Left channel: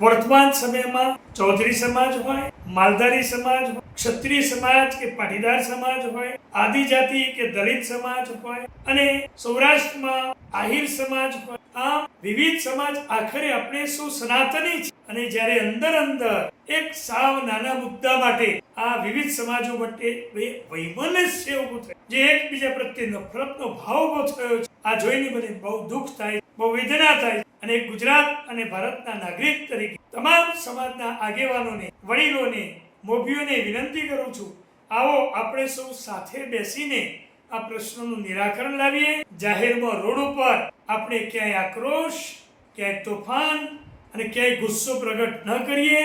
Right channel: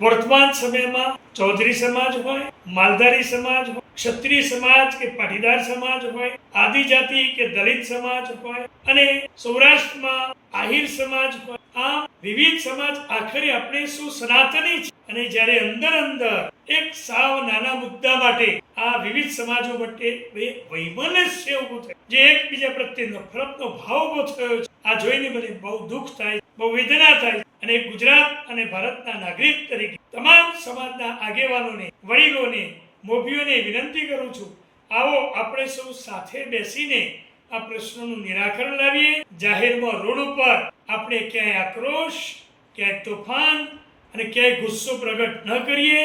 વર્તમાન સમયમાં ચૌધરી સમાજ હોય, માલધારી સમાજ હોય, ક્ષત્રિય સમાજ કે પાટીદાર સમાજ હોય, આદિજાતિ કે દલિત સમાજ હોય અને સૌરાષ્ટ્રમાં આહિર સમાજ હોય, આ વિવિધ સમાજ આખરે આપણે શું સનાતની છે. અને જ્યારે અંદર એક સાવ નાના મુદ્દા માટે આ વિવિધ સમાજો માટે વૈમનસ્ય ઊભું થયું, જે એકબીજા પ્રત્યે નફરતનો ભાવ ઊભો થયો છે, આ જોઈને મને બહુ દુઃખ થાય, બહુ વેદના થાય. અને ગુજરાત અને ભારતના નાગરિક તરીકે તમામ સમાજના આગેવાનોને, વડીલોને, મોભીઓને વિનંતી કરું છું, આવો આપણે સૌ સાથે બેસીને આ પ્રશ્નોનું નિરાકરણ લાવીએ. જાહેરમાં રોડ ઉપર આપણે ક્યાંય આક્રોશ, ક્યાંય તોફાન અને ક્યાંય ગુસ્સો પ્રગટ ન કરીએ.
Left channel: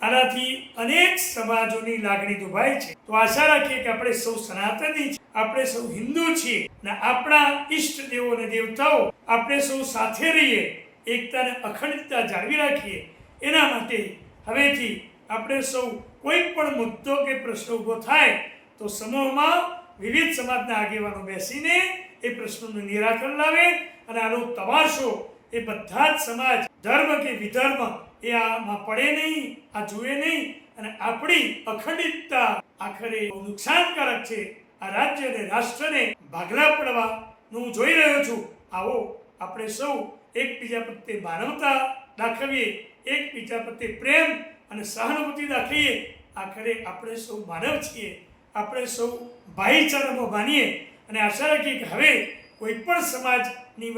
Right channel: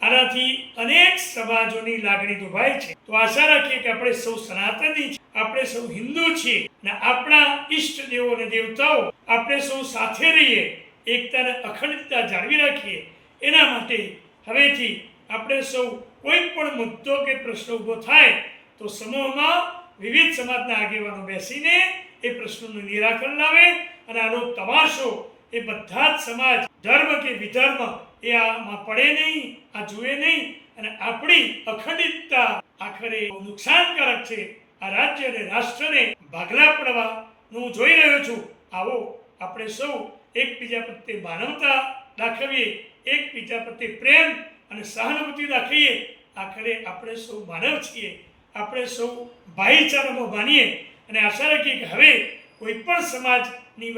આનાથી અનેક સમાજોની લાગણી દુભાય છે. તો આશા રાખીએ કે આપણે સૌ સનાતની છીએ, આપણે સૌ હિન્દુ છીએ અને આપણા ઈષ્ટ દેવો અને દેવતાઓ આપણે સૌ સાથે રહીએ, એકતા અને અખંડિતતા જાળવી રાખીએ. એના માટે હવેથી આપણે સૌ કોઈ પણ મુદ્દો કે પ્રશ્ન ઊભો થાય તો સમૂહમાં વિવિધ સમાજના આગેવાનો બેસીને એ પ્રશ્નોનું નિરાકરણ લાવે અને આનો તમાશો એ બધા જ સમાજ, ધર્મ કે વિધર્મ એ આમાં પડે નહીં, આ જુએ નહીં. અને આપણી અખંડિતતા આખરે નુકસાનકારક છે. આ રાજ્ય અને રાષ્ટ્રને ભાગલા પડવાનું જોઈ રહ્યો છું. આવો આપણે સૌ એકબીજા પ્રત્યે માનવતા દાખવીએ, એકબીજા પ્રત્યે પ્રેમ અને સહાનુભૂતિ દાખવીએ. આખરે આપણે સૌ માનવ છીએ, આપણે સૌ ભાઈચારામાં માનીએ અને આશા રાખીએ કે હવે કોઈ પણ સમાજની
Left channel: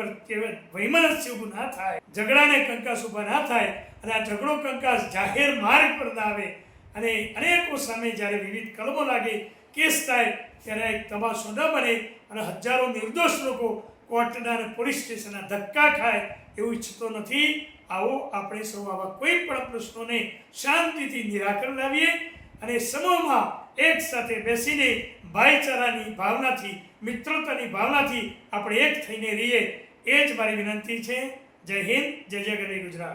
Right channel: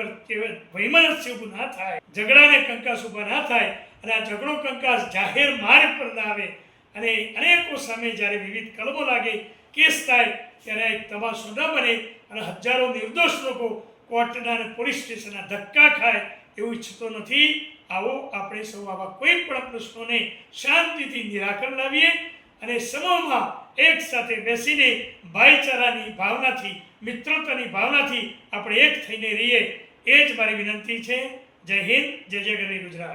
વૈમનસ્ય ઊભું ના થાય, ઝઘડાને કંકાસ ઊભા ના થાય અને આ ઝઘડો કંકાસ જાહેર માર્ગ પર ના આવે. અને અનેકો સામે જ્યારે વિવિધ કલમો લાગે, કેસ થાય, ત્યારે એક તમાશો ન બને અને હજારો નિર્દોષ લોકો કોર્ટના અને પોલીસ સ્ટેશનના ધક્કા ખાય, એવું ઈચ્છતો નથી. આવો આપણે સૌ આવા કોઈ પણ પ્રશ્નોને શાંતિથી નિરાકરણ લાવીએ અને સમૂહમાં એક સાથે બેસીને ભાઈચારાની ભાવનાથી, મિત્રતાની ભાવનાથી આપણે એક થઈને રહીએ. એ જ મારી વિનંતી છે. જય હિન્દ, જય જય ગરવી ગુજરાત.